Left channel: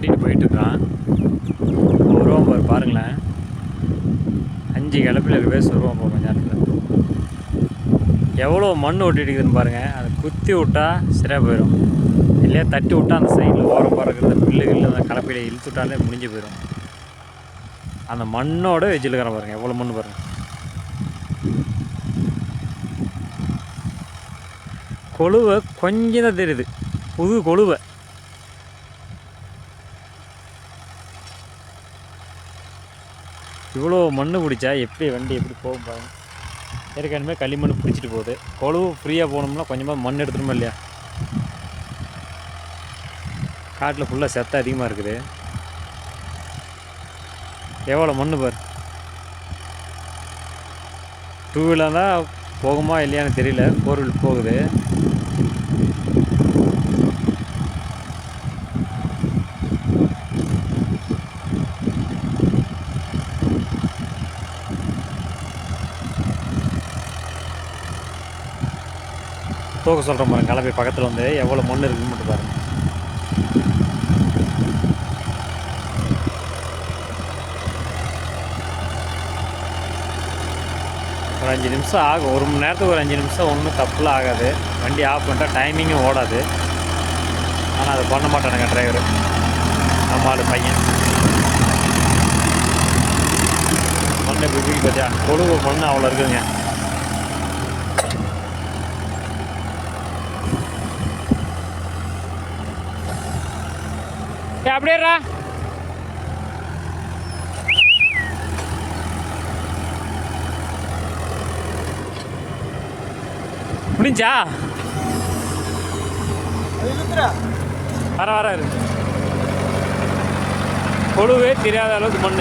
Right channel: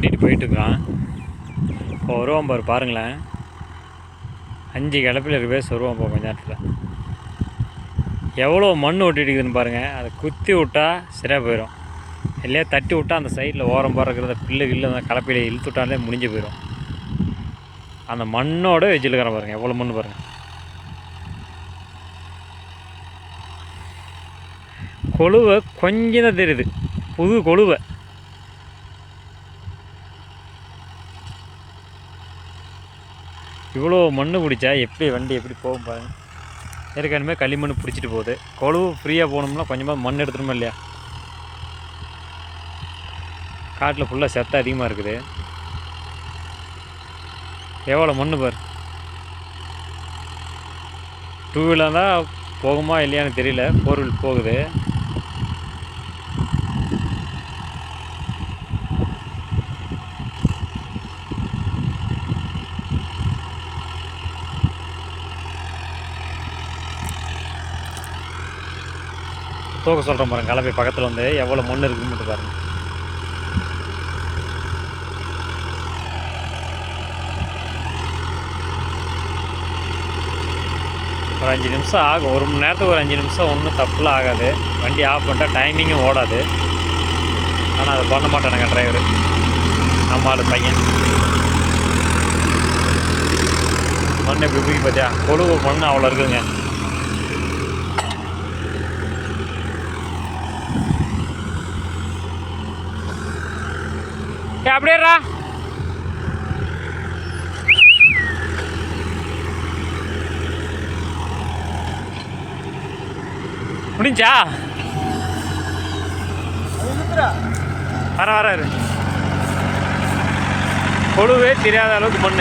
ஓட்டிகிட்டு போயிட்டுருக்கான். இப்போ வருவான் பாரு, பாருங்களேன். 5 கிளப்பில் இருக்கவே வருவான் இப்போ கொஞ்ச நேரத்தில். எவ்வளோ மண் ஒட்டிட்டு இருக்குதுன்னு பாருங்கள். அதை குத்தி விட்டா சரியாக போயிடும். இல்லையா தட்டி விட்டா அந்த சைடில் ஓரம் பறக்கிறத பில்லு அந்த கலப்பையில் இழுத்து விட்டாலே முடிஞ்சு போயிடும். அந்த மண்ணோட வெஜிலுக்கிற பாருங்கள், எவ்வளோ மண் பாருங்கள். கொழுவை கொஞ்சம் தான் தெரியுது, புது கொழுவை. இவ்வளோ மண் பிடிச்சா எப்படி வண்டி எப்படி போகும் பாருங்கள். ஏற்கனவே களிமண் பிடிச்சிட்டு போகுது. கொழுவு ஃப்ரீயாக போகணும்னா கொஞ்சமாக மண் எடுத்துருமா இல்லையா? காட்டில் ஃபுல்லாக செத்த அதிகமாக இருக்குது. எவ்வளோ மண் பாரு. 2 வீலர் தான் போகுமா இல்லையான்னு தெரியல, 4 வீல் போகுது. தூக்க சொல்கிறேன் பாருங்க, கலப்பை பக்கத்தில் வந்து எவ்வளோ மண் இருக்குன்னு மட்டும் பாருங்கள். ஒரு 5 நிமிஷம் ஆகும். 1 மணி நேரத்துக்கு ஒரு 5 நிமிஷம் ஒன்றும் தப்புலாம் ஆகாது. வண்டி ஆஃப் பண்ணிட்டா டைமிங்கும் ஓடாது. ஆனால் அதை பண்ண மாட்டானுங்க டிரைவரு. நம்ம ஆள் பையன் மண் எப்படி தூக்கி பார்த்தியா? கொழுவு மண் அவ்வளோ இருக்குதுங்க. அப்படியேரா முடிஞ்சா வர கொழுவே தெரியாத அளவுக்கு மண்.